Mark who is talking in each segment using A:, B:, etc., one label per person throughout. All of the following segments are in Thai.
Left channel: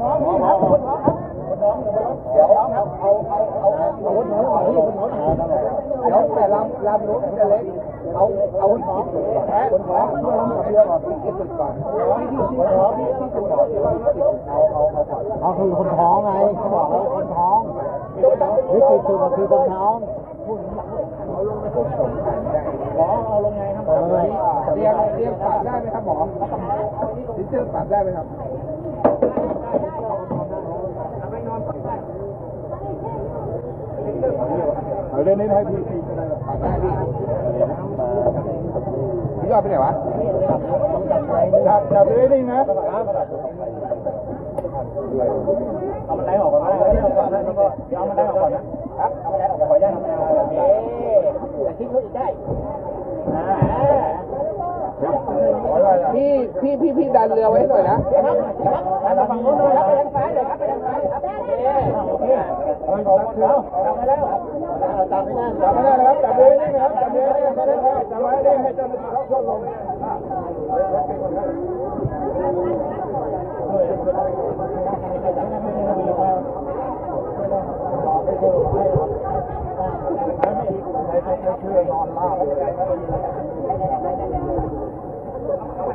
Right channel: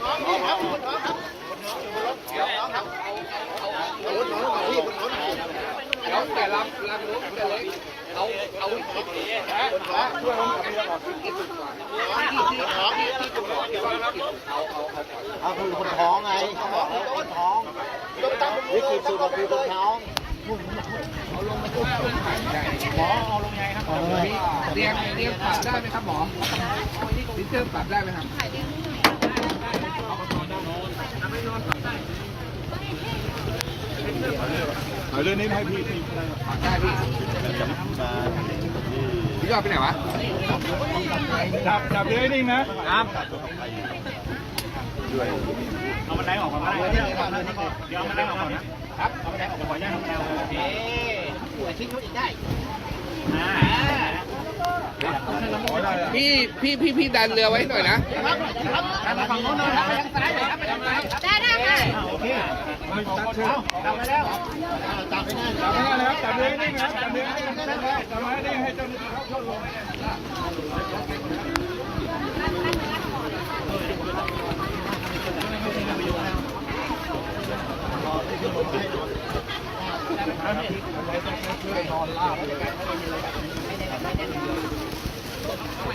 A: ท้องนี่ครับคนท้องครับคนท้องอยู่บนรถเดี๋ยวเอาเอาเอาเอาเอาคนท้องหน่อยพี่คนท้องหน่อย
B: เดี๋ยวแต่ลำลำนู้นจะเล็กเอาเอา
A: คนท้องคนท้อง
B: กี่สุดก่อน
A: ที่ที่ท้องที่ที่จุดท้อง
B: เอาเอาเอาก่อน
C: ก็คือคนท้องไงเขาบอกว่าคนท้อง
A: ต้องตั้ง
C: วิกฤตสุดก็คือคนท้อง
A: หมอเอาลงไงครับ
C: เอาเลย
B: เตียงเตียงปรับได้ไหมครับหมอดิเตอร์ปรับได้ไหมครับ
A: เอาเรื่องนี้ให้พี่พี่
B: ปรับได้พี่พี่ยอดไปไหนวะ
A: จับจับเลยนิ่งนะ
D: เอามันไล่ออกก่อนก็ได้เดี๋ยวเอามันไล่ออกก่อนนะ
A: ครับเอาไปเอาไปได้เอาไปเอาโอเคแต่ชิ้นเขาอีกได้
D: อ่า
B: พี่พี่พี่พี่ดันเรือไว้หน่อยนะ
A: ครับครับไปฝั่งโน้นเลยครับไปทางซ้ายเลยครับไปทางซ้ายครับได้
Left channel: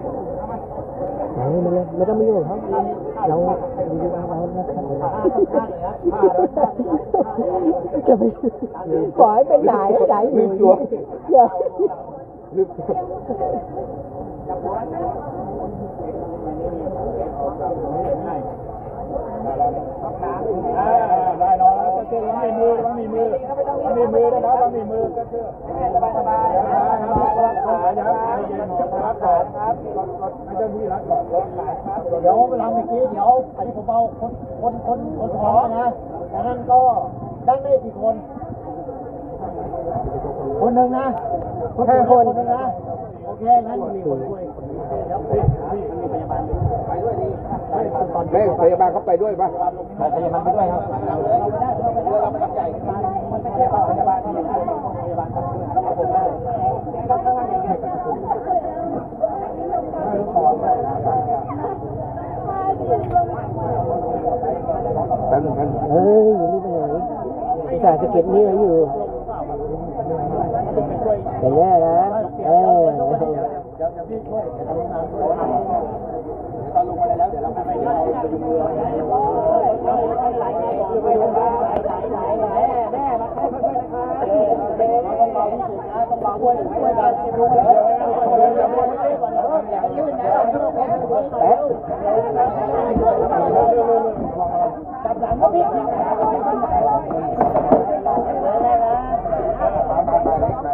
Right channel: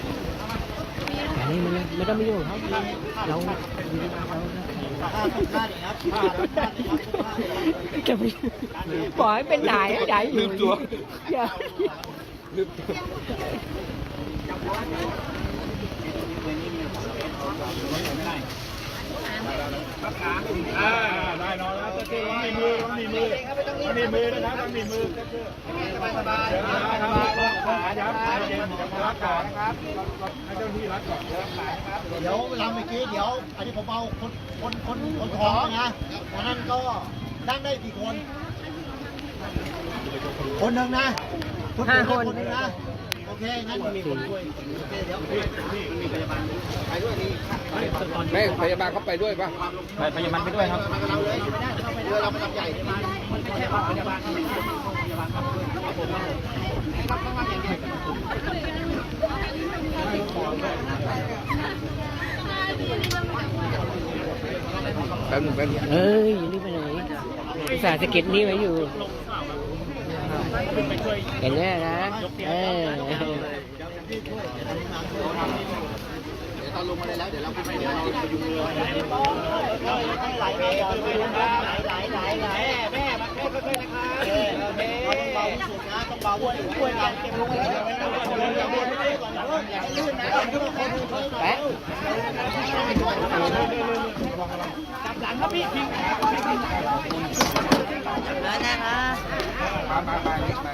A: ได้โอเคเอาจับไปแล้วจับไม่ได้จับไม่ได้นเลยไม่ได้จับไม่ได้ให้เจ้าหน้าที่เขาช่วยลง
C: อันนี้มันเลยไม่ต้องมีอยู่ครับเราเราจะไปปล่อยเป็นไหนไหนลืมตัวลืมตัว
A: ได้ นอนแล้วก็เชื่อวางในมือวางในมือวางในมือนะวางในมือก็เชื่อสบายสบายรับขาเดี๋ยวรับขานะครับให้เจ้าที่รับขารับขาครับ
C: เดี๋ยวเวลาเมื่อกี้เดี๋ยวอันนี้ผมเอาคนคนคนคนท้องนะอันนั้นก็ดั้งได้กี่คน คนหนึ่งนะห้าคนคนหนึ่งนะโอเคงั้นมีคนช่วยโอเคเดี๋ยว
B: ไม่พยาบาลเขาไปด้วยป่ะ
D: ไปยังมันไปด้วยครับ
A: เราเลยเราไม่ได้เราไม่ได้เราไม่ทำใหญ่มันไม่ใช่พยาบาลที่ไม่ใช่พยาบาลครับครับผมครับผมต้องทำอย่างใหญ่
B: แป๊บนึงแป๊บนึง
C: เอ้ยอย่ารีบไปไหนอุตส่าห์สะเก็ดนี่ไว้อยู่เห็นแน่นะเออ
A: ตอนลงมาแล้วเดี๋ยวเราไปเดี๋ยวเราไปดูเรือไหลไหลไหลไหลแม่มาค่อยๆนะคะเด็ต้องเบาที่สุดนะต้องเบาด้วยด้วยกันเก็บลงเลยอย่าลื่นอย่าให้ลื่นนะ
C: แปะ
A: จับหลังครับพี่
B: มามามาเล็กมา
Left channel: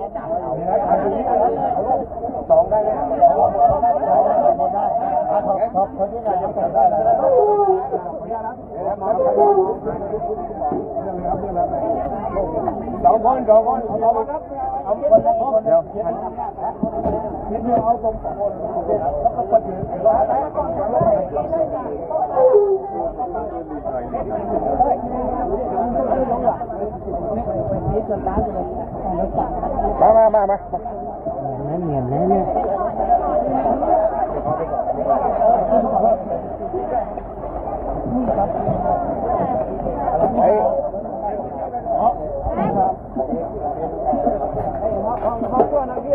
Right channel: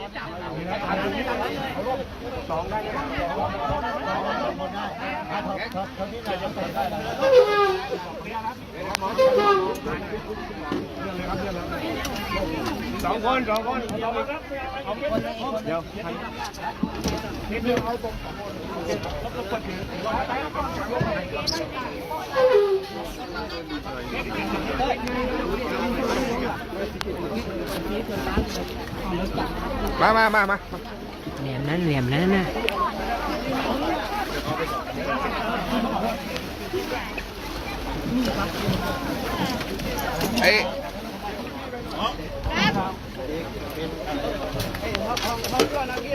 B: สองได้ไหม
C: ครับคนที่ไหนจะใส่ได้แล้ว
A: สองคนสองคนเอาไปครับเอาไปเดี๋ยวนิดนึงเอาตรงสองคนโอเคแล้วก็กดถือ
B: มามามามา
C: แหนมนั้นแหนมนั้นนะ
B: เอ้ ย
C: เดี๋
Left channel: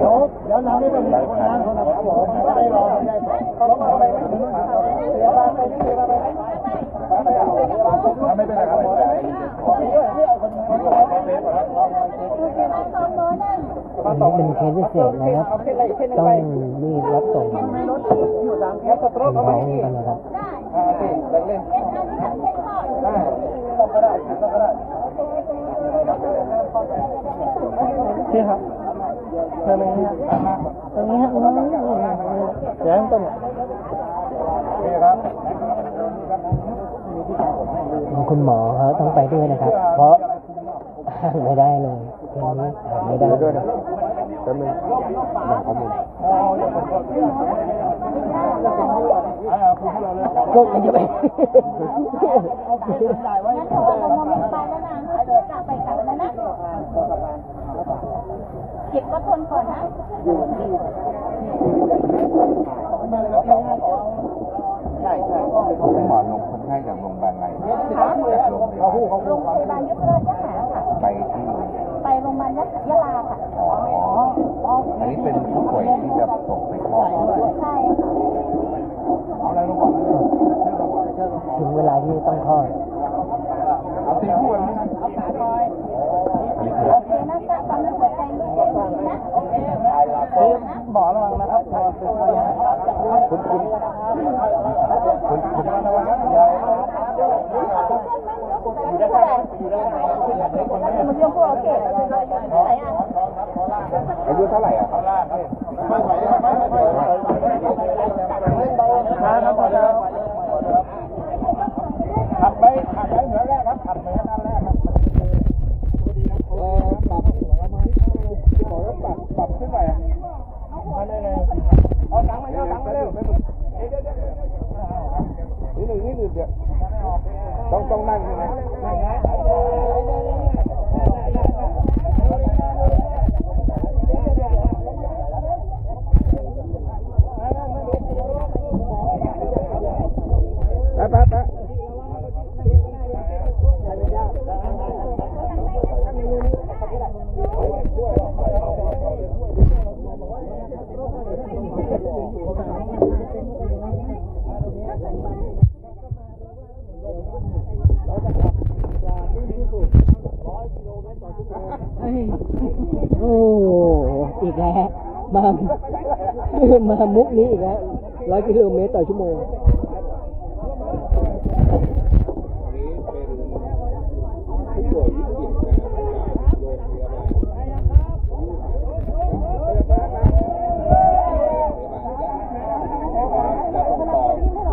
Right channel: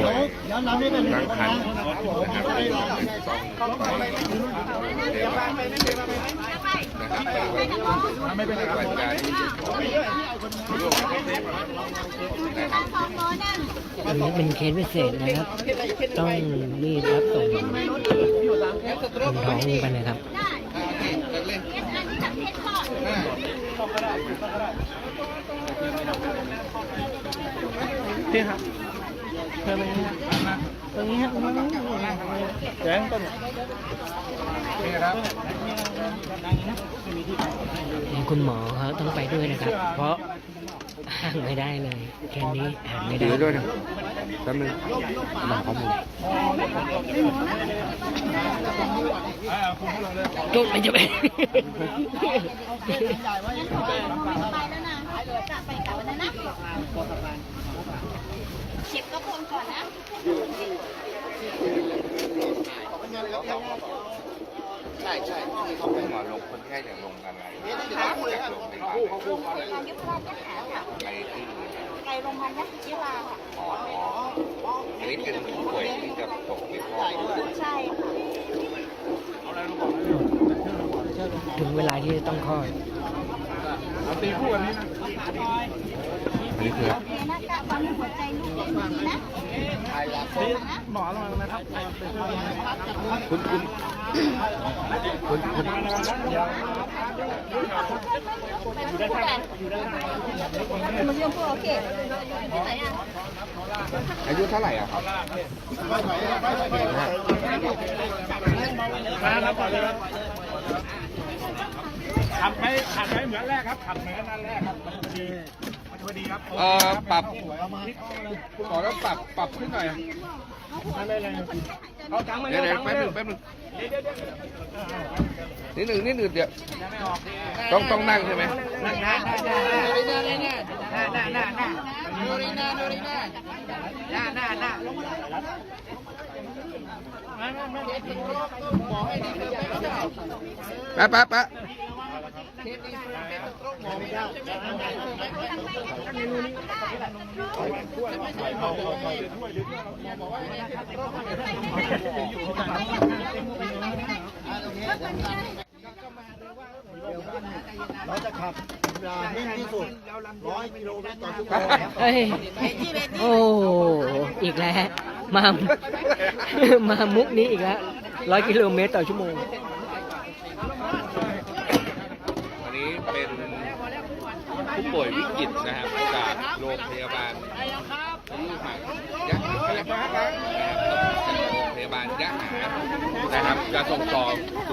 C: ยวเดี๋ยวเราไม่เป็น
B: ตั้งคัน
C: ได้รอ
A: ไม่เป็นไรครับ
C: อันนี้เป็นเคสพิเศษนะครับ ต้องรีบรับส่งคนท้องไปนะครับ
B: อ่าโอเคเลิกเล่นอ่า
D: พี่ครับเพิ่มไปนี้ครับตรงนี้ครับเดี๋ยวต้น
B: นี่ครับ
C: คุณหมอเขาต้องไปด้วยนะครับ เพราะห่างไม่ได้เลยแค่นี้ห่างไม่ได้
B: เดี๋ยวด้วยนะแป๊บนึง
C: บอกเขาหมด
A: อ่าคุณเราเลย
C: ก็มันจะไป
E: มองไม่ไปแล้วนะจากไปกลับวันนั้นนะฉีดก็ทนก่อนนะ
A: ใช่ใช่ที่เขา
B: คุณหมอลงคนไข้จากโรงพยาบาลอะไร
A: เนี่ยที่เขาพูดเลยครับเขาพูดเขาพู
E: โร
A: ด
E: งพยาบาลยุพราชยะหาค่ะ
B: ไปที่
E: ไปโรงพยาบาลยะยะลาค่ะ
B: อ๋ออันนี้เป็นผู้ป่วยที่จะตกไปคลอด
E: ใช่
C: ถึงเวลาที่จะต้องคลอด
B: อันนี้คือ
E: โอเคนะจ๊ะตอนนี้หัวใจลูกเต้นดีนะ
D: หมอระวังนะครับหมอเป็นคน
B: คุณคุณคุณคุณ
E: ผู้ใหญ่มันเรื่องพวกโอเคที่ไหนอะ
B: อายุเท่าไหร่อะ
A: ไม่ไหวไม่ไหวไม่ไหว
D: ครับพอแล้ว ขับไปขับไปเหมือนแรกครับขับเหมือนนั่นแรกครับพอดีครับ
B: อ่าปรับขอต้องปรับปรับขึ้นหน่อย
D: ไม่เลยเอาจังมา
B: เดี๋ยว
D: เอา
B: เดี๋ยว
D: จังมา
B: แป๊บ
D: เร็
B: นึ
D: ว
B: งแป๊บนึงนิดหนึ่งนิดหนึ่งเดี๋ยวต้องต้องนั่งใช่ไหมแป๊บแป๊บแป๊บ
A: เราจะขับนิ่งที่สุดร้อยกิโลเมตรต่อชั่วโมง
C: เอ้ยโอ้อีกแล้วมามามุกนี้อีกแล้วร้อยกิโลเมตรต่อชั่วโมง
B: วันนี้เป็นผู้ป่วยวิกฤตนะครับจากโรงพยาบาล ยาบาลพยาบาลยะหานะครับจะส่งต่อ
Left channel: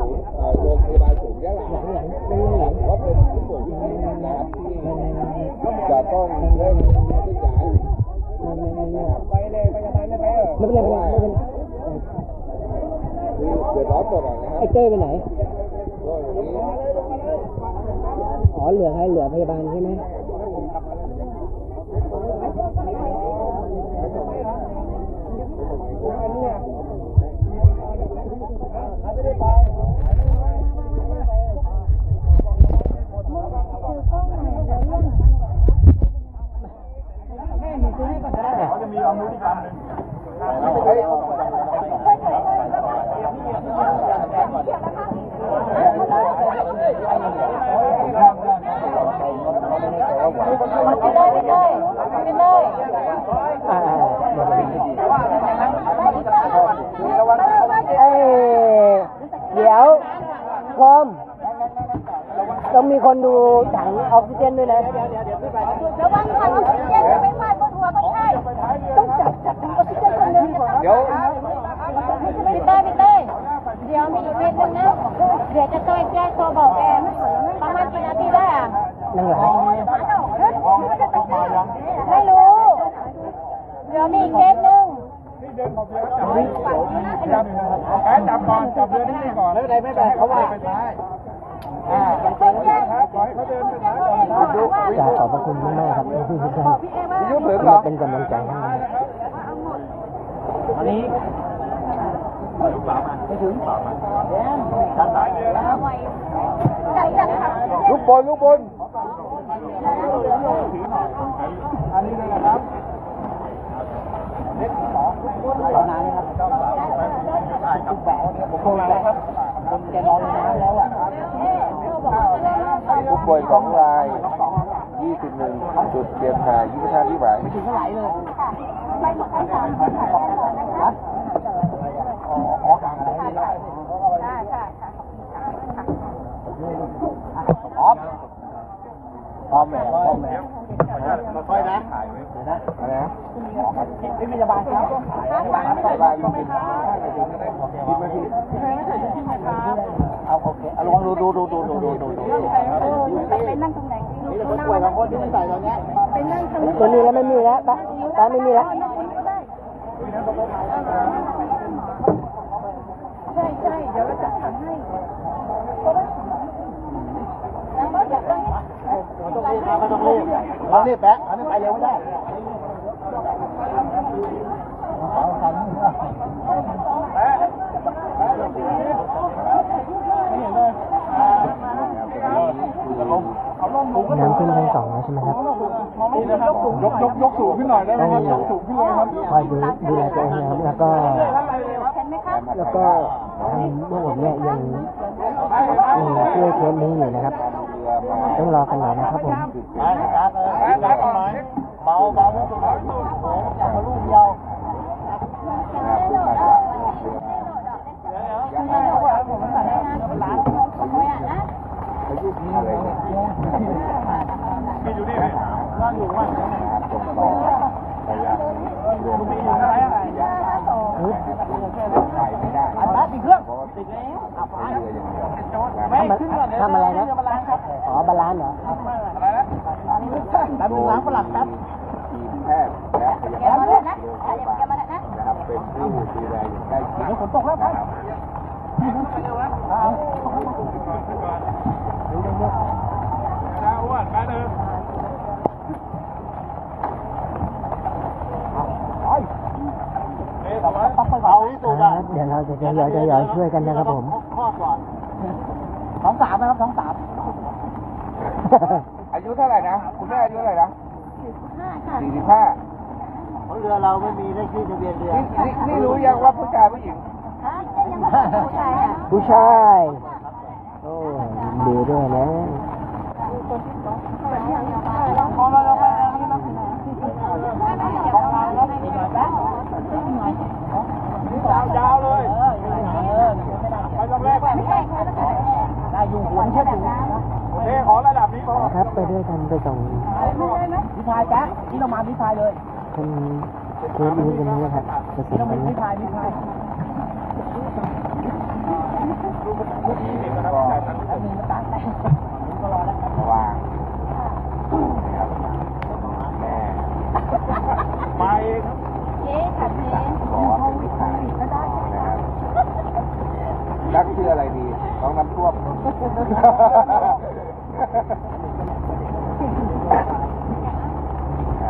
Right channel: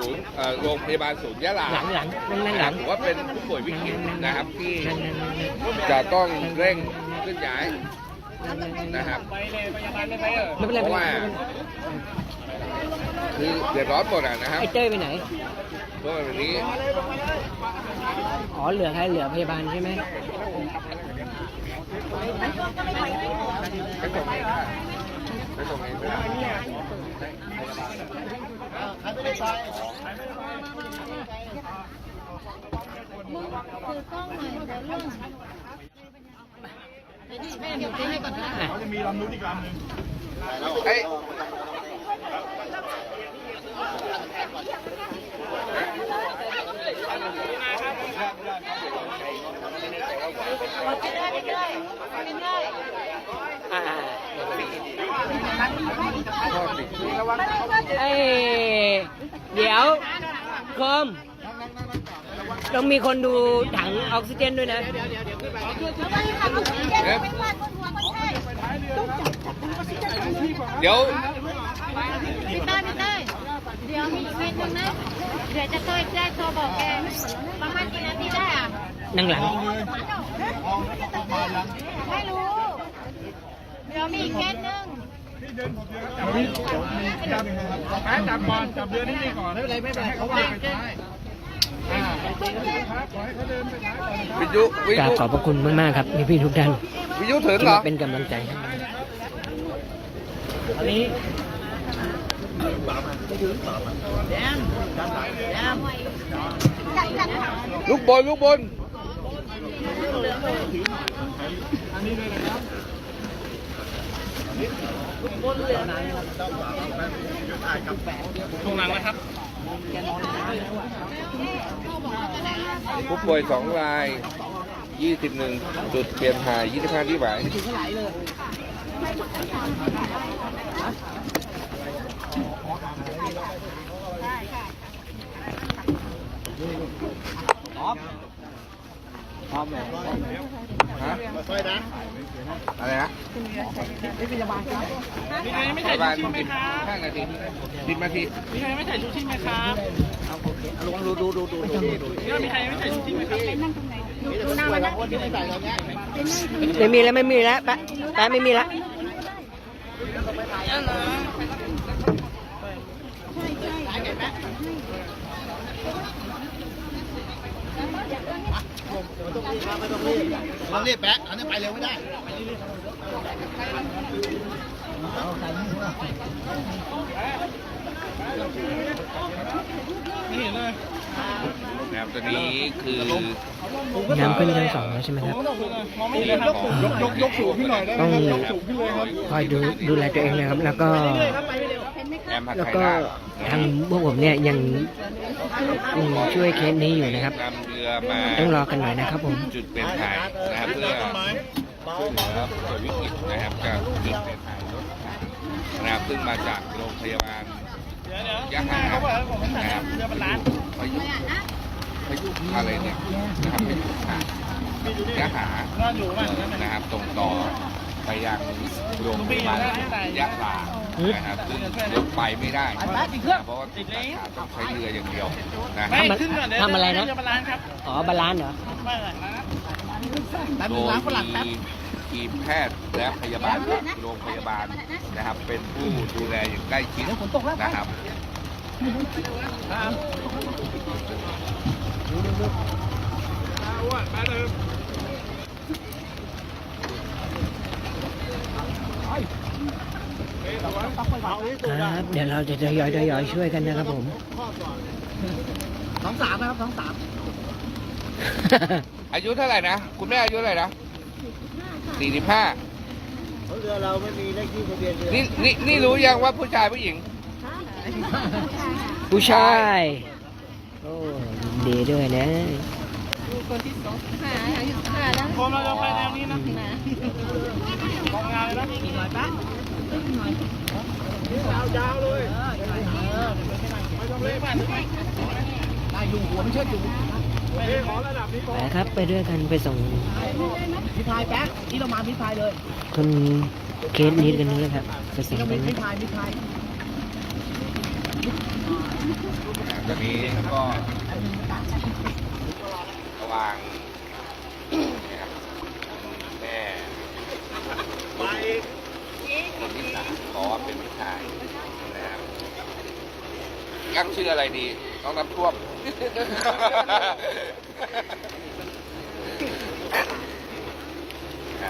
B: ศูนย์เอ่อโรงพยาบาลศูนย์ยะลา
C: หลังหลังนั่งหลัง
B: ว่าเป็นผู้ป่วยวิกฤตนะครับที่
C: นั่งนั่งนั่งนั่ง
B: จะต้องเร่งเคลื่อนย้าย
C: นั่งนั่งนั่ง
B: นะครับ
D: ไปเลยพยาบาลไม่ไปเออ
C: ไม่เป็นไรไม่เป็นไรไม่เป็นไร
B: คือเดือดร้อนหมดอะนะครับ
C: ไอ้เต้ยไปไหน
B: เพราะวันนี้
C: อ๋อเหลือใครเหลือพยาบาลใช่ไหม
E: มึงคือกล้องหน่อยเดี๋ยวเรื่องแม่หนูซื้อให้ก่อนก็ได้
D: เขาจะมีลำนู้นอีกลำหนึ่ง
E: ไม่ได้ไม่ได้ไม่ได้
C: อ่าอ่าเดี๋ยวไป
B: ระวัง
C: เอ้ยเดี๋ยวคอมต้อง มีคนดูถังออกซิเจนด้วยนะ
E: เดี๋ยววันนี้ทำออกซิเจนไม่พลาดบนหัวคนไข้ต้องจับจับออกซิเจนตรงนี้
B: เดี๋ยว
E: พี่เต้ยพี่เต้ยเดี๋ยวมีอีกเวทหนึงนะเดี๋ยวจะต้อยแจ้งโทรบอกแกประมาณกี่นาทีได้อะ
C: นั่งหลัง
E: ไม่รู้ เดี๋ยวมีอีกเคสหนึง
D: จับแป๊จับก่อนจับเรือนิ่งๆก่อน
A: ไม่เป็นไรไม่เป็นไรเขาว่า
D: ไปท้าย ก
C: ราบขอบพระคุณมากๆครับพี่ทุกท่าน
B: ที่
C: มาเป็นกำลังใจให้
D: นี้
E: ล่ามาล
B: ลูกบอลลูกบอล
D: นนี้เลยนบคลังนะครับ
B: ผู้ป่วยสองราย 21 จุดเปลี่ยนถ่าย25ที่หมาย
A: พ่อแม่พร้อมแล้วมาค่อยนะ
B: อะไรนะ
A: นี่พยาบาลครับ
B: ไม่ถ่ายชิ้นไหมครับถ่ายไหนทีทีมาทีไม่ถ่ายชิ้นไหมครับ
A: เอาโอเคเอาลองดูดูดูดูดูดูดูไม่ถ่ายไม่ถ่ายชิ้
E: นไหมครับไปนั่งตรงไหนมีแต่คนป่
A: วยบางคนที่ไม่ใส่อย่างเงี้ย
C: ไม่มีแล้วไม่มีแล้วแป๊ะแป๊ะไม่มีแล้วใช่ใช่
A: เดี๋ยวแป๊ะให้ ต้องรีบครับเราต้องรีบเรารีบแป๊ะอันนี้ไปเร็วไม่ได้เอาใส่นี่เพื่อ
D: ไม่เห็นเลย
B: นะครับตัวนี้คือ
C: น้ำขึ้นชั้นสองแล้วใช่ไหมครับ
D: ยกยกยกสูงขึ้นหน่อยได้ไหมครับยกสูงขึ้นเลยครับ
C: คอยดูดูแลตัวเองนะครับ แล้วก็
B: แล้
C: วก็ทางพวกผมเนี่ยยังช่วยเคสนี้อยู่นะครับ
B: มา
C: ต้องรอกันหน่อยนะครับผม
B: จุดเป็นถ่ายนะครับเพื่อ
A: เบาเบาที่สุด
B: วิกฤตนะครับกับจุดเป็นถ่ายนะครับซึ่งมาจากโรงพยาบาลยะลานะครับพายุพายุอะไรเนี่ยนะครับเป็นทางเนื้อหานะครับส่งต่อ ไปยังโรงพยาบาลยะลานะครับซึ่งไปไม่ได้เพราะว่าใช้เรืออย่างเดียวนะค
C: ทำ
B: รับ
C: ทำอะไรนะอ๋อบาลานซ์เหรอ
B: โดยมีทีมแพทย์และพยาบาลโรงพยาบาลนะครับ เป็นผู้ดูแลอย่างใกล้ชิดนะครับ
A: เบาที่สุด
C: ครับ เดี๋ยวเราจะทยอยทยอยช่วยกันนะครับผม
A: ข้อก่อนสองสามนะครับสองสาม
B: อายุเท่าไหร่นะ คุณแม่อายุเท่าไหร่นะสี่สิบห้า
A: เพราะเรือเราไม่มีเลขที่ทะเบียนเรือ
B: นี่นี่นี่รู้ยังว่าผู้ชายผู้หญิง
C: ผู้ชาย โอ้ยินดีด้วยนะ
D: พอเราจะไปแรงนี้นะของงานนะ
A: ยาว ยาวเลยไปตรงแรกได้อยู่หัวไม่ใช่อยู่
D: โอเคขอระดับนี้พอ
C: ไปครับไปด้วยกันไปส่ง
A: พิพายแป๊ะที่เรามาพิพายเลย
C: คนเคสนี้กันนี้ครับจะเสร็จ
A: เรา
C: กั
A: เป็น
C: น
A: พิ
C: นะ
A: พายพิพาย
B: ตอนนี้ก็
A: แป๊บนึงก็ตัดผมก็รอแล้ว
B: ระวางนะครับแม่
A: ไป
B: บอกว่าเป็นผู้ชายนะครับตั้ง ชื่ออะไรดีต้องน้ำท่วมนะค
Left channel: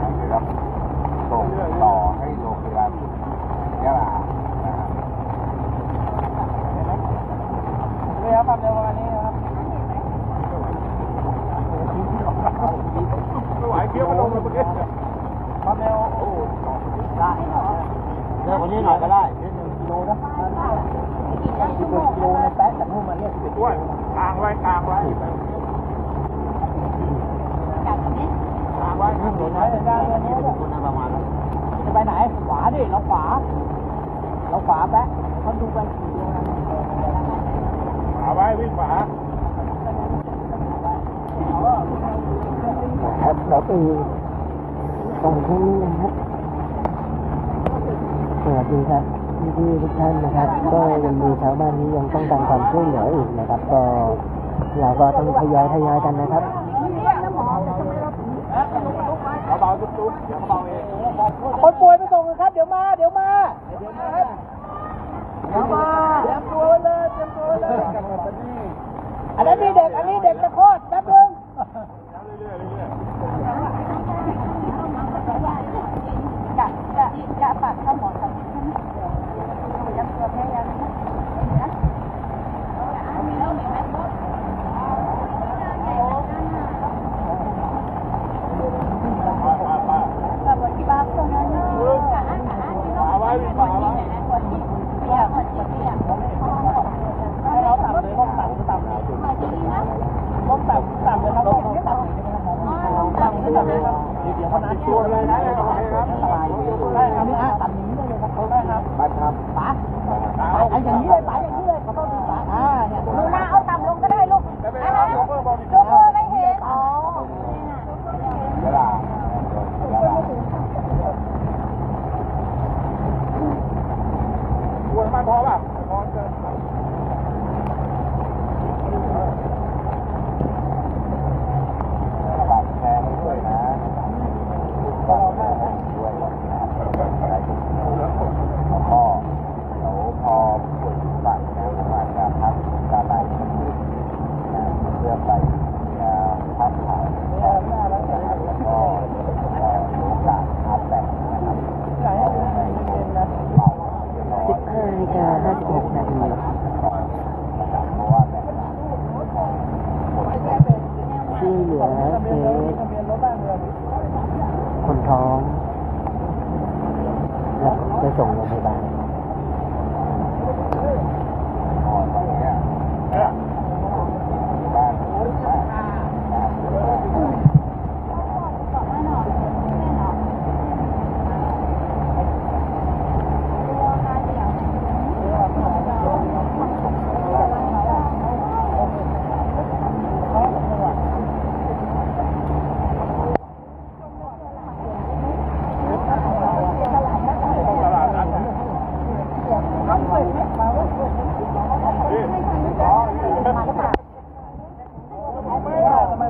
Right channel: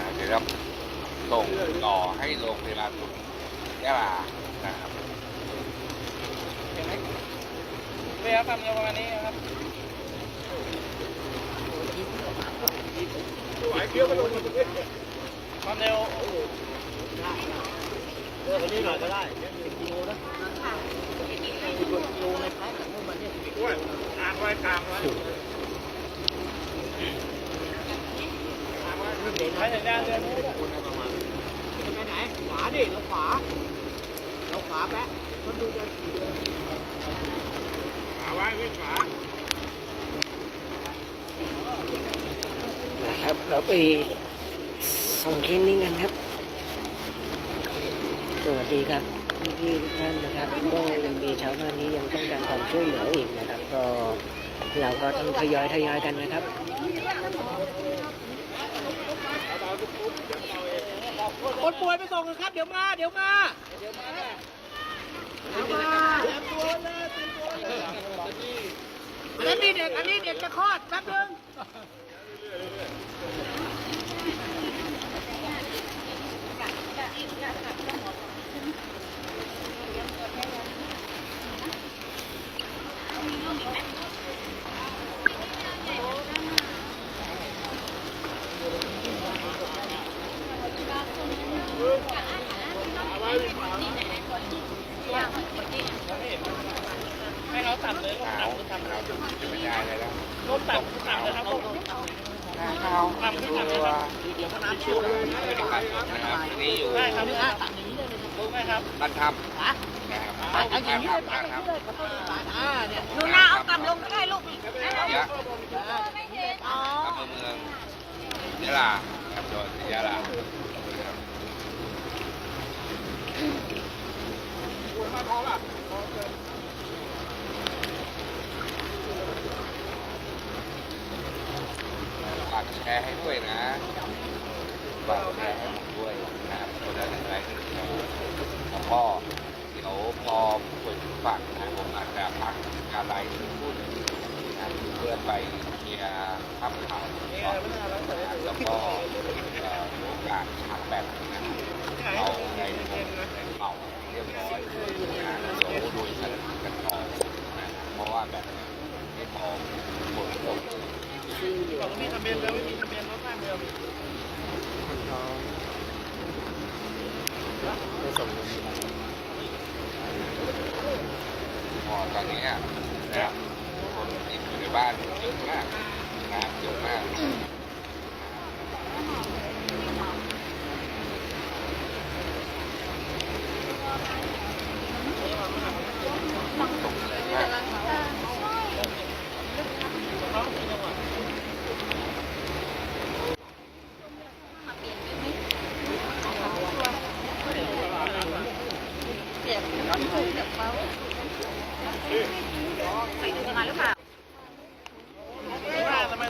B: รับเดี๋ยวเราส่งต่อให้โรงพยาบาลยะลานะครับ
D: เลยครับทำเร็วประมาณนี้ครับ
A: ไหวเคี้ยวมาลงเลยเมื่อกี้
D: ความเร็ว
A: ได้เร็วกว่านี้หน่อยก็ได้หนึ่งกิโลนะสิบกว่ากิโลในแป๊บจาก นู่นมาเนี่ยสิบเอ็ดกิโลนะ
D: กลางไว้กลางไว้
A: ทางว่าเรื่องนี้นะจะเป็นประมาณนั้นจะไปไหน ขวาดิ เราขวา เราขวาแป๊ะเขาดูไปกี่ดวง
D: ขวาไว้วิ่งขวา
C: ครับเราไปส่งเคสนี้กันครับ สวัสดีครับ พี่ๆทุกท่านนะครับ ก็ยังมีชาวบ้านนี้ยังต้องการความช่วยเหลืออีกนะครับ ก็เราก็ต้องทยอยทยอยกันนะครับ
A: คนป่วยไปส่งกันครับ เดี๋ยวมา เดี๋ยวมาเดี๋ยวมาเตรียมตัวเลยเตรียมตัวเลยอันนั้มีเด็กอันนี้เด็กจะคลอดแป๊บนึง
D: ให้เราต่ำเลยลงต่ำคือต่ำลงต่ำต่ำเลยครับลงต่ำต่ำคือต่ำเลย ครับ
A: เดี๋ยวเขานัดตัวเลยนะ
B: ที่นี่อยู่
D: ได้ครับ
A: นี่อะตัดอย่างนี้ได้เลยครับ
D: ได้ครับ
B: บ้านถ้
A: ป๋าำ
B: นะครับ
A: ป๋าเอาอย่างนี้เลยป๋าอย่างนี้เลยขอโทษทีป๋าอ่าเนี่ย
E: หนูนาเอาต่ำลงก็ได้ลูก
B: ยะ
E: ไม่เห็นอ๋อ
B: อำเภอเมืองยะลาจังหวัดยะลา
D: ควรมาพอป่ะพอเกิน
B: ฝากแชร์ให้ด้วยนะฝากแชร์ให้ด้วยนะครับเรื่องอะไรที่แล้ว ก็เดี๋ยวพอผู้ป่วยถึงฝั่งนะผมอาจจะพักการไลฟ์สักครู่นะเพื่อไปเคลียร์ภาพข่าว
D: เนี่ยแล้ว
B: ก็เอ่อโอกาสชาร์จแบตนะครับ
C: คนท้อง แล้วไปส่งโรงพยาบาล
B: อ๋อตอนนี้อะนะครับนี่อยู่ในบ้านเยอะมากนะครับเยอะมาก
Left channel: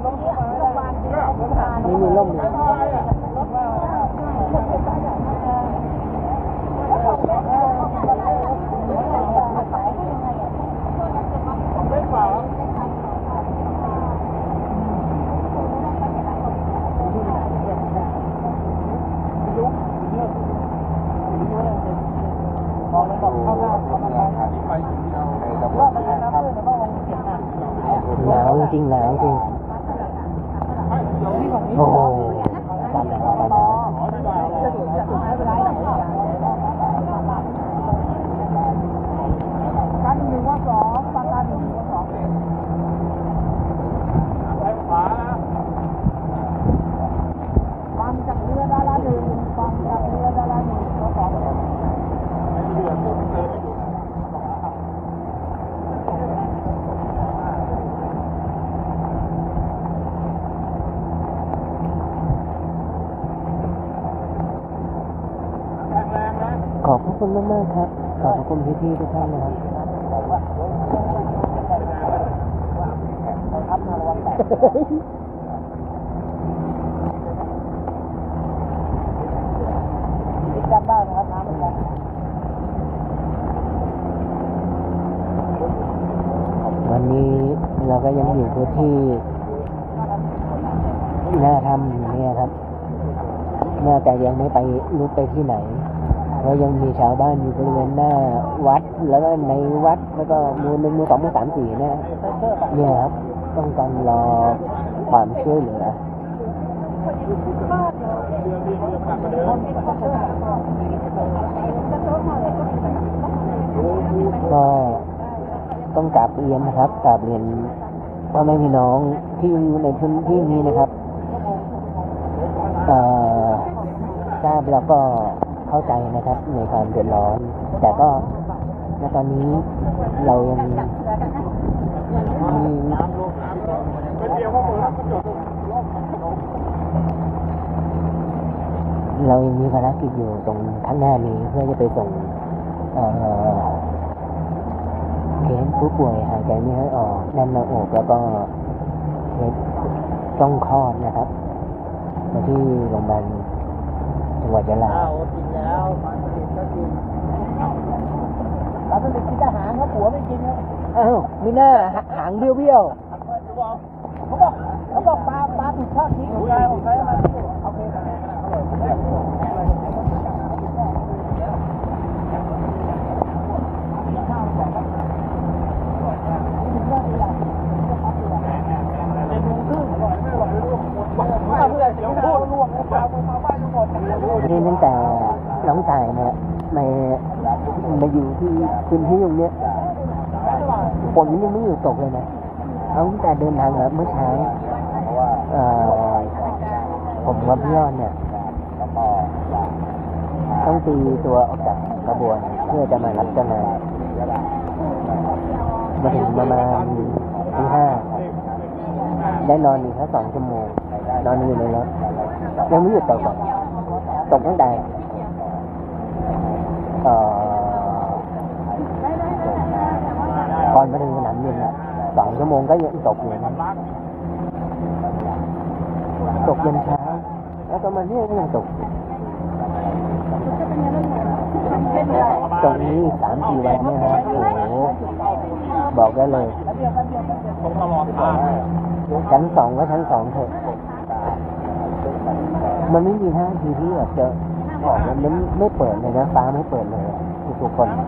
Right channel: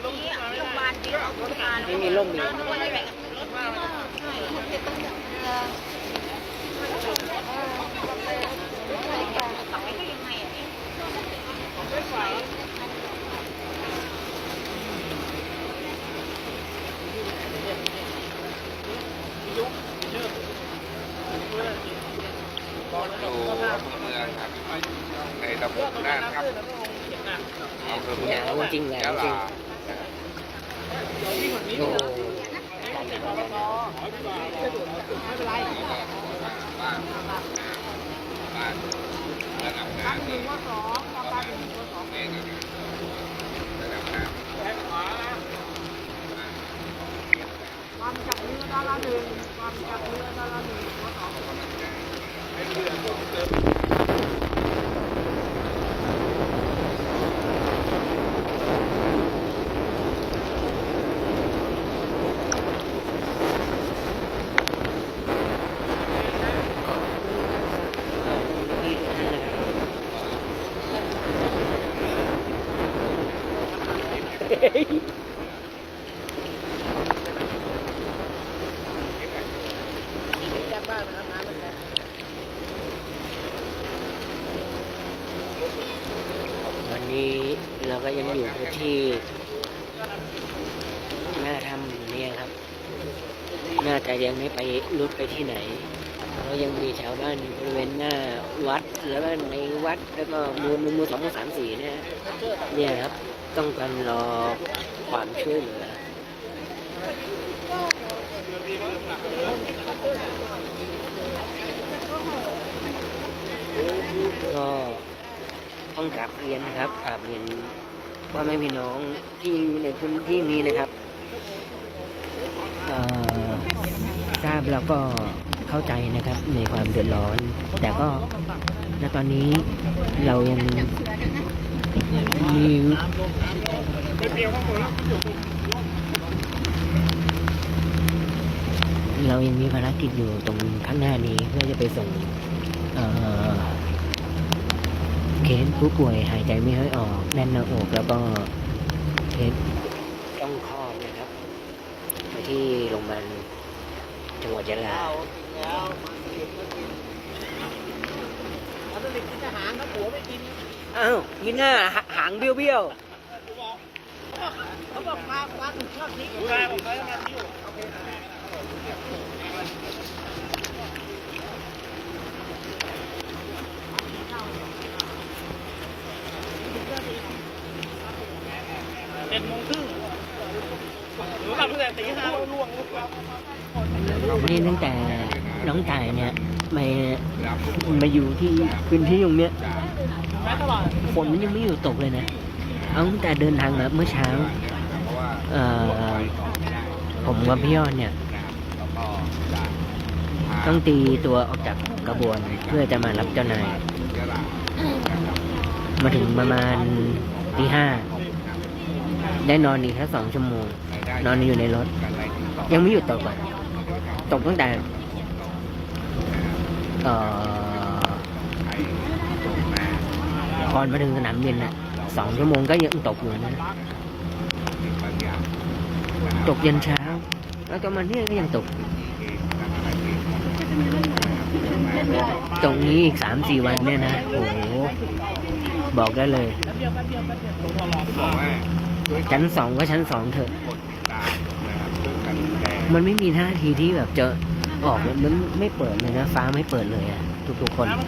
E: โรงพยาบาลจริงเอาโรงพยาบาล
C: ไม่มีร่มมี
B: อยู่ในเมืองครับในตำบลนะครับ
C: หนาว จริงหนาวจริงโอ้โหอากาศหนาวอากาศหนาว
B: บ้านบ้านระดับน้ำหนึ่งว่าสองปลาปลาหนึ่งว่าสองเมตรนะครับระดับน้ำ
A: ความจากเรือดาราหนึ่งความจากเรือดาราหนึ่งตัวสอง
C: ขอบพระ คุณมากๆครับ ขอบพระคุณพี่ทุกท่านนะครับ
A: ยัดบ้านนะครับน้ำม่แรง
C: วันนี้เราก็ยังอยู่ที่หน้าถ้ำเนี่ยครับ น่าจะยังไม่ไปรุดไปที่ไหน เรายังมีชาวบ้านอยู่บริเวณหน้าวัดแล้วก็ในวัดแล้วก็มือหนึ่งมือสองมือสามสี่เนี่ยเนี่ยครับต้องการรอความช่วยเหลือก็ต้องกราบเรียนนะครับกราบเรียนพ่อแม่พี่น้องที่อยู่ในพื้นที่นี้นะครับต่อทราบแล้วก็ เข้าใจนะครับในความเดือดร้อน แต่ก็ณตอนนี้เรายังมีเรายังมีภารกิจอยู่ตรงข้างหน้านี้เพื่อจะไปส่งเคสผู้ป่วยหายใจไม่ค่อยออกแน่นหน้าอกแล้วก็เคสต้องคลอดนะครับ มาที่โรงพยาบาลจังหวัดยะลา
A: แล้วปลาสลิดก็กินปลาสลิดกินทหารครับผัวไม่กินครับ
C: อ้าวมีหน้าหหางเบี้ยวเบี้ยว
A: เขาบอกเขาบอกปลาปลาถูกทอดทิ้งผมได้ผมได้มาที่โอเค
C: ๆนี่ตั้งแต่ น้องแต่เนี่ยมามาอยู่ที่พื้นที่ตรงเนี้ยฝนมันยังไม่อยู่ตกเลยนะเอาตั้งแต่เดินทางมาเมื่อเช้า
B: เอ
C: อผมกับพี่ยอดเนี่ยต้องตีตัวออกจากกระบวนเพื่อจะมารับเจ้านายมาถึงประมาณตีห้าได้นอนอีกแค่สองชั่วโมง นอนอยู่ในรถ ยังไม่หยุดตกอะตกตั้งแต่ ก่อนมาถึงสนามบินอะสองชั่วโมงก็ยังตกอยู่นะตกยันเช้า แล้วก็มาเนี่ยก็ยังตก ตรงนี้อีกสามสี่วันเนี่ยนะโอ้โหบอกได้เลยชั้นสองก็ชั้นสองเถอะ มันไม่มีท่าทีที่แบบจะ ออกมันมันไม่เปิดเลยนะ ฟ้าไม่เปิดเลยอะทุกๆคนเน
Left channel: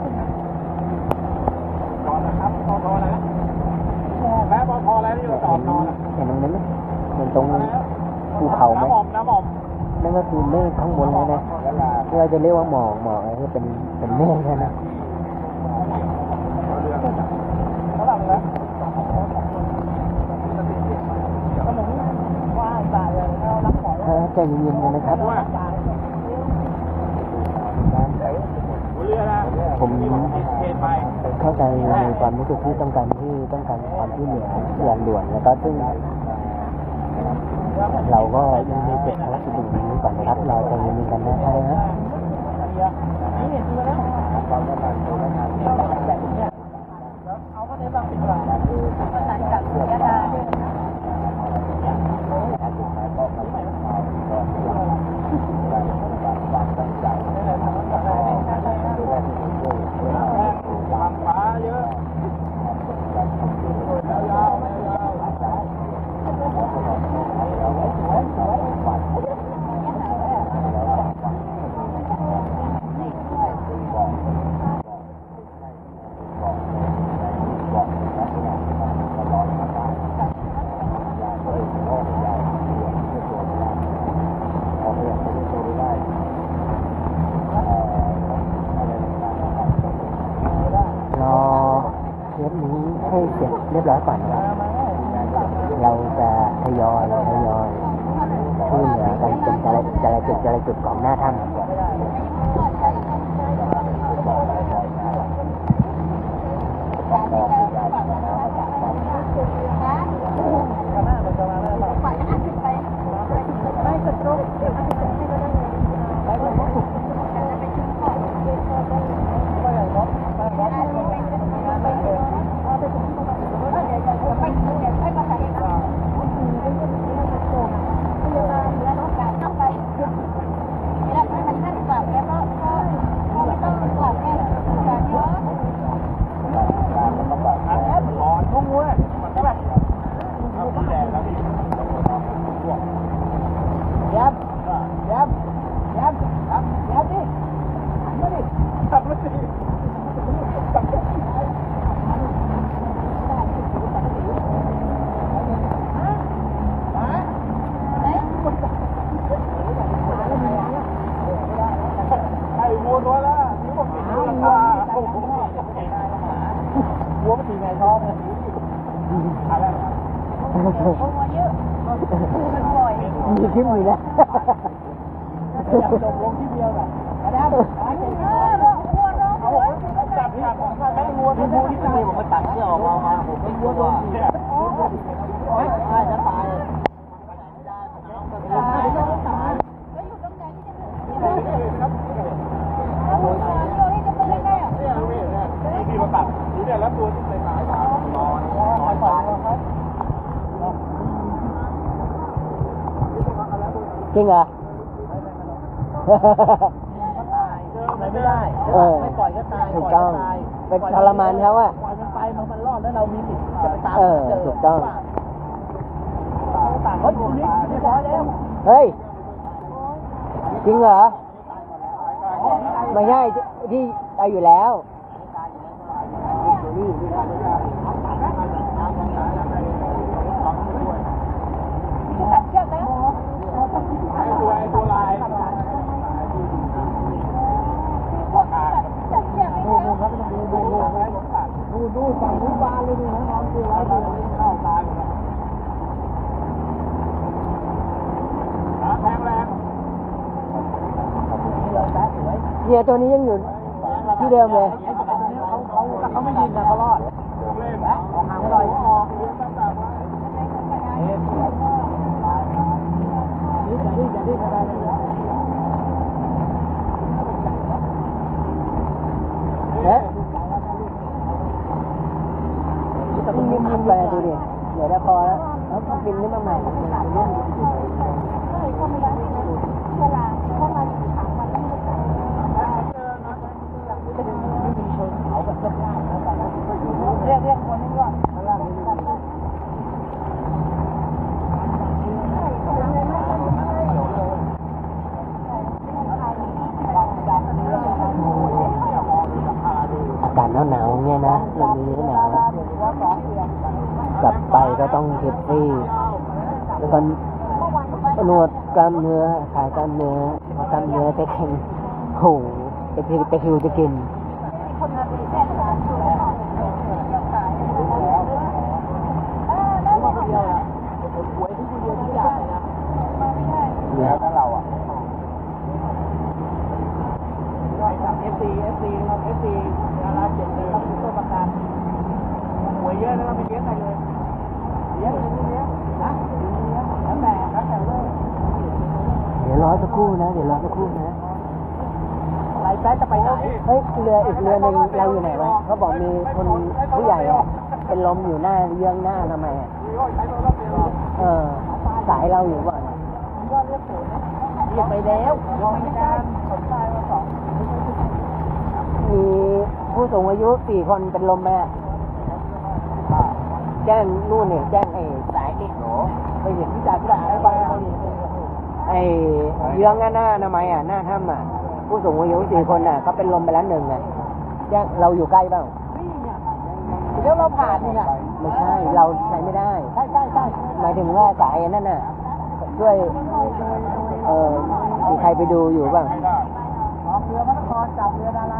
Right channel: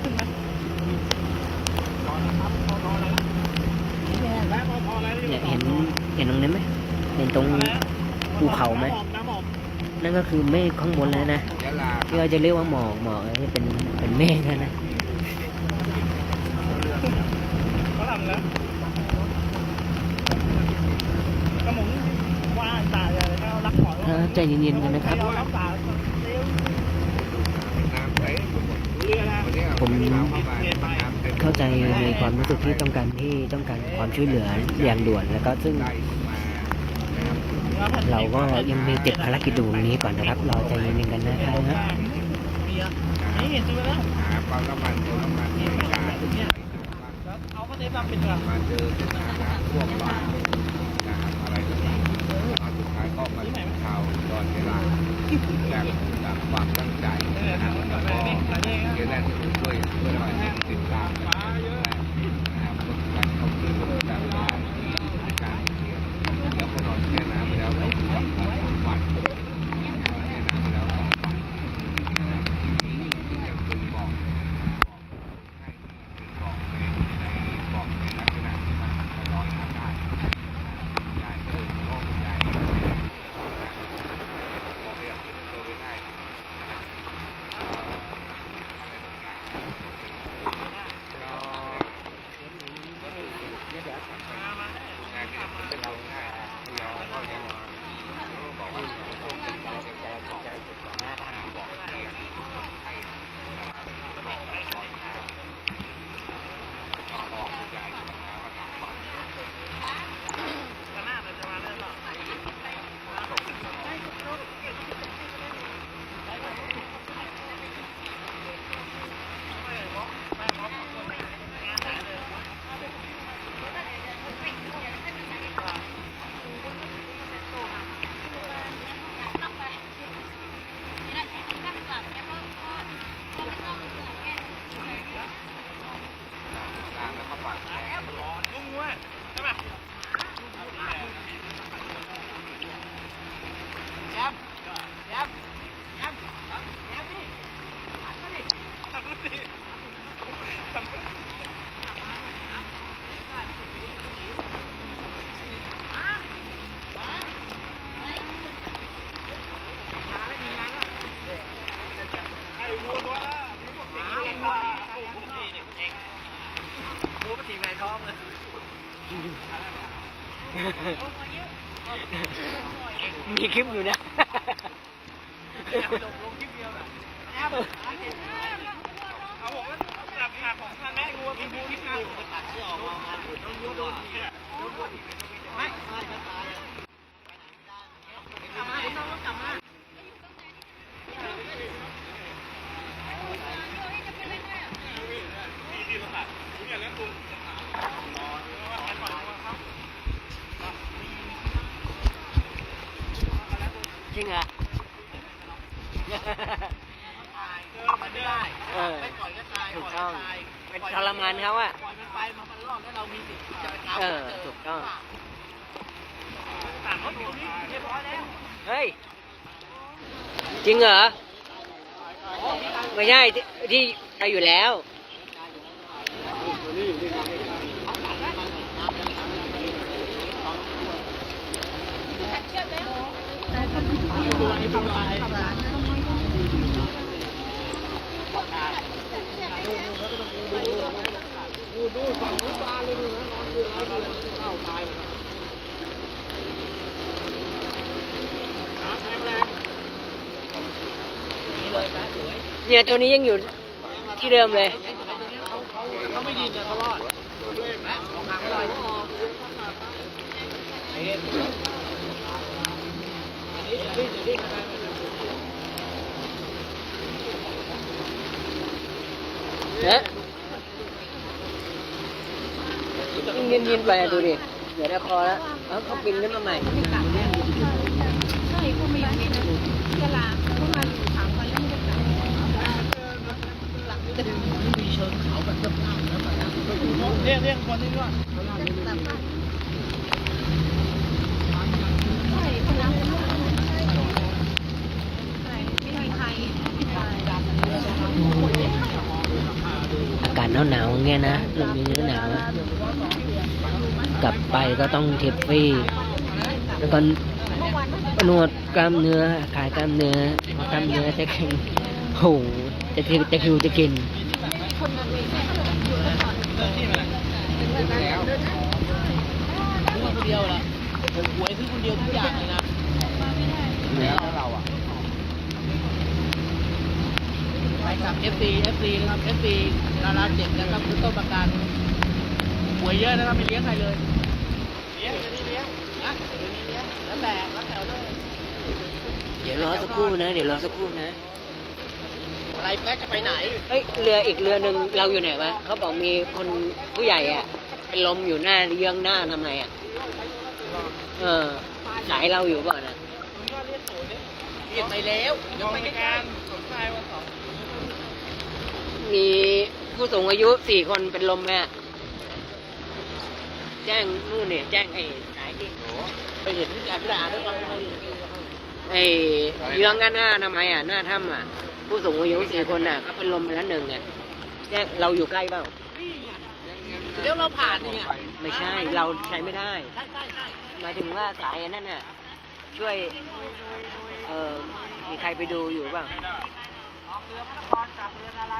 C: ี่ยเห็นเห็นตรงนี้นไหมเห็นตรงภูเขาไหม
A: นั่
C: นก็คือเมฆข้างบนแล้วนะที่เราจะเรียกว่าหมอกหมอกอะไรที่เป็นเป็นเมฆแล้วนะถ้าใจเย็นๆกันนะครับ
D: ตา
B: น้ำไหล
D: เรือนะ
B: วันนี้
C: ผม
B: เข้า
C: ใจในความรู้สึกที่ต้องการที่ต้องการความช่วยเหลืออย่างด่วนแล้วก็ซึ่งเราก็ยังมีติดภารกิจอยู่ตรงนี้ก่อนนะครับ เราใจเย็นๆกันนะครับ
D: นี่เห็นจุดแล้ว
B: หาปั๊มน้ำมันเติมน้ำมันที่ราคาถูกไหม
D: เอาก็ได้บางเป็นหลัก
B: บ้านเดิมนะครับพวกบ้านนะครับอะไรต่างๆตอนสุดท้ายก็มาถึงข่าวตอนเวลาอย่างแบบความตั้งใจนะครับแล้วก็เกี่ยวกับที่ผมช่วยช่วยมาติดตามกันนะครับกดไลค์กดติดตามการการเรียนแล้วก็นอนแค่น้ำแล้วบัตรแค่น้ำแล้วบัตรนะครับอย่างที่บอกบอกให้เป็นบอกในในบอกในลักษณะที่มันก็ร้อยมาได้ยายก็เลยโอ้ยายเรียนเพื่อตัวไม่ได้พอเรียนเพื่อตัวไม่ได้เอ่ออะไรต่างๆก็ทำต้องเป็น
C: รอเคสนี้ให้เสร็จเรียบร้อยก่อนนะครับ เราจะทยอยทยอยช่วยเหลือ กันเป็นแต่ละจุดแต่ละจุดของหน้าถ้ำ
D: ข้างหน้าเราจะมาได้หรอไม่เลยงบไม่งบของคนงานไหนเลย
B: ร้านแล้วก็ฝากแชร์
D: ร้อนงงเว้ยก็แบบแดดแล้วพี่
A: ยับยับยับยับยับดิหันมาดิ
D: ตัดรถดีตัดรถ ไอ้วัวตัวละนี่บอกจริงราคาโอ้โหจริงวัวมันตีแมงท้องเลยอะไร
C: มีคลิปอยู่นะ
D: อยากลงลงที่เดียวน่ะ
A: มาแล้วมาเจ็บ
D: เอาผมจับหักผมแม่งัวที่บูที่
A: นี่ผมไปตัดเชือกออกมามาผมต้องวัวโดนทีไม่ใช่จะตายกลับมาเดี๋ยวต้องกลับมา
D: ที่ที่มาตัดเนี่ยแล้วตัวเต็มหนาวนอนเพราะว่าใครปล่อยตัวเขา
C: จริงเหรอ
A: มันไม่ได้
C: เออ
A: ไม่ปล่อยก็ตาย
C: ถู
A: ป
C: ก
A: ล่อย
C: ต้อง
A: ก็ตาย
C: เป็นทรมานเขาอะ
A: ปล่อยมันไปมันมันรอดแล้วเรามีสิทธิ์จะไปตาม
C: เออ
A: เจอ
C: ถูกต้อง
D: ต่างเขาอยู่นี่เรียบร้อยแล้ว
C: เฮ้ย จริงเหรอ ไม่ใช่ที่ที่ไปอยู่แล้ว
A: ดูดูฝั่งนู้นบานเลยดูนะน้องคือร้อยเข้าตายหมดแล้ว
D: แรงแรง
A: นี่เลยแป๊สวย
C: เนี่ยตัวนี้ยังอยู่ที่เดิมเลย
A: เขาเขาเขาไม่ยิงนะเขารอดแป๊ะออกห่างไปหน่อย เอ็นนี่จะรีบจะรีบอะไรไปเลย
C: นะยินยินไปดูดิเดี๋ยวได้คอแล้วแล้วเขาบินขึ้นมาใหม่
E: ใช่เขาไม่ได้นเวลาเขามาสามวันแล้วไม่กลับ
A: มีชิงเขาแบบเจ้าๆนะตอนนั้น
D: เรียกเรียกคนนี้ด้วย
E: แบบว่าใช่เขาล้างมือใช่ไม่มีใคร
C: อา กาศหนาวๆเงี้ยนะเรื่องนี้หนาวกลับไปก็ต้องเทปฟี่แล้วก็นวดกล้ามเนื้อขายกล้ามเนื้อกล้ามเนื้อจะแข็งโหจะคือจะคือจะกิน
A: เดียวละหวยที่คนเดียวทุกอย่างเลยนะ
C: เนี่ย
B: แล้วเราอะ
A: ใช่ครับ FC FC นะครับ FC ดาราเจ็บนะครับคุณต้นประกันหวยเยอะนะครับไม่เลี้ยงใครเลยเลี้ยงอยู่ที่เลี้ยงนะอยู่นี่เลี้ยงแล้วแต่แล้วแต่เลย
C: เดี๋ยวรอสักครู่นะ เดี๋ยวรอสักครู่นะ
A: อะไรแป๊ะจะไปไหน
C: เฮ้ยเรืออีกเรือหนึ่งเราอยู่ไหนวะเขาบอกมีคนผู้ใหญ่อะเป็นลมอยู่หน้าเยื้องหน้าทำไมอะเออสายเราอยู่ก่อนนะ
A: เรียกไปแล้วยังไม่ได้การ
C: มี ผู้สูงอายุสี่คนเป็นลมไหมอะแจ้งนู่นเนี่ยแจ้งไอ้สายที่
A: ไปเห็นที่จ่ายพิจารณาได้บ้างไหม
C: ไอ้เยื้องหน้าทำไมอะหน้าถ้ำอะ ผู้สูงอายุสี่คนอะเขาเป็นลมไปแล้วหนึ่งอะแจ้งเราอยู่ใกล้เปล่า
A: เดี๋ยวเราผ่านนี่ไง
C: ไม่ใช่เราใช้ไม่ได้
A: ใช่ใช่ใช่
C: หมายถึงว่าสายอันนั่นน่ะ ช่วย เออมีใครไปดูอยู่บ้าง
A: ออกเรือพระนครจับเรือดารา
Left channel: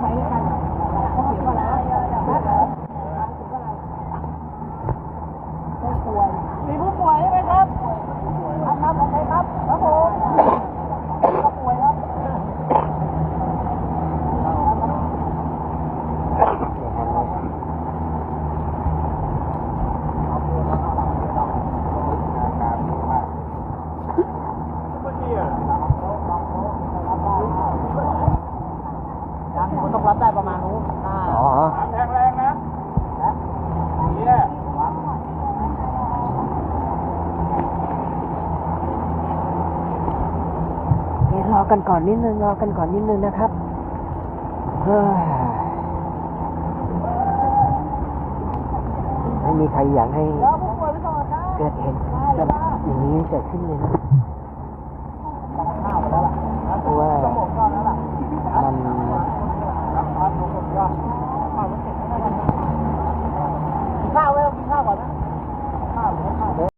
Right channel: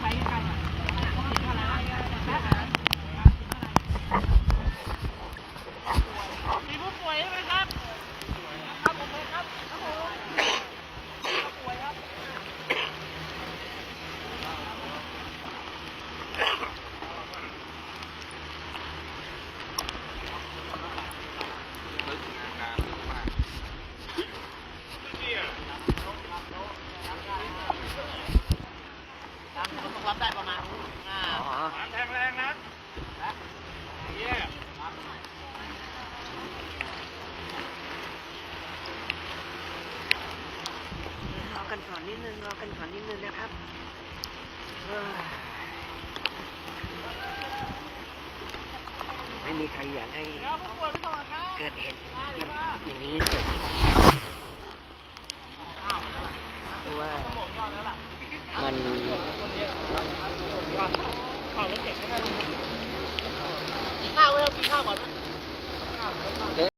A: ไปกันมีผู้ป่วยใช่ไหมครับครับผมไปครับครับผมผู้ป่วยครับ น้ำมันต้องรับได้ประมาณนู้นอ่า
C: อ๋อ
D: แทงแรงนะเนี่ย
C: รอ ก่อนนิดนึงรอกันก่อนนิดนึงนะครับไม่มีใครอยากให้เกิดเหตุแบบอย่างนี้เกิดขึ้นเลย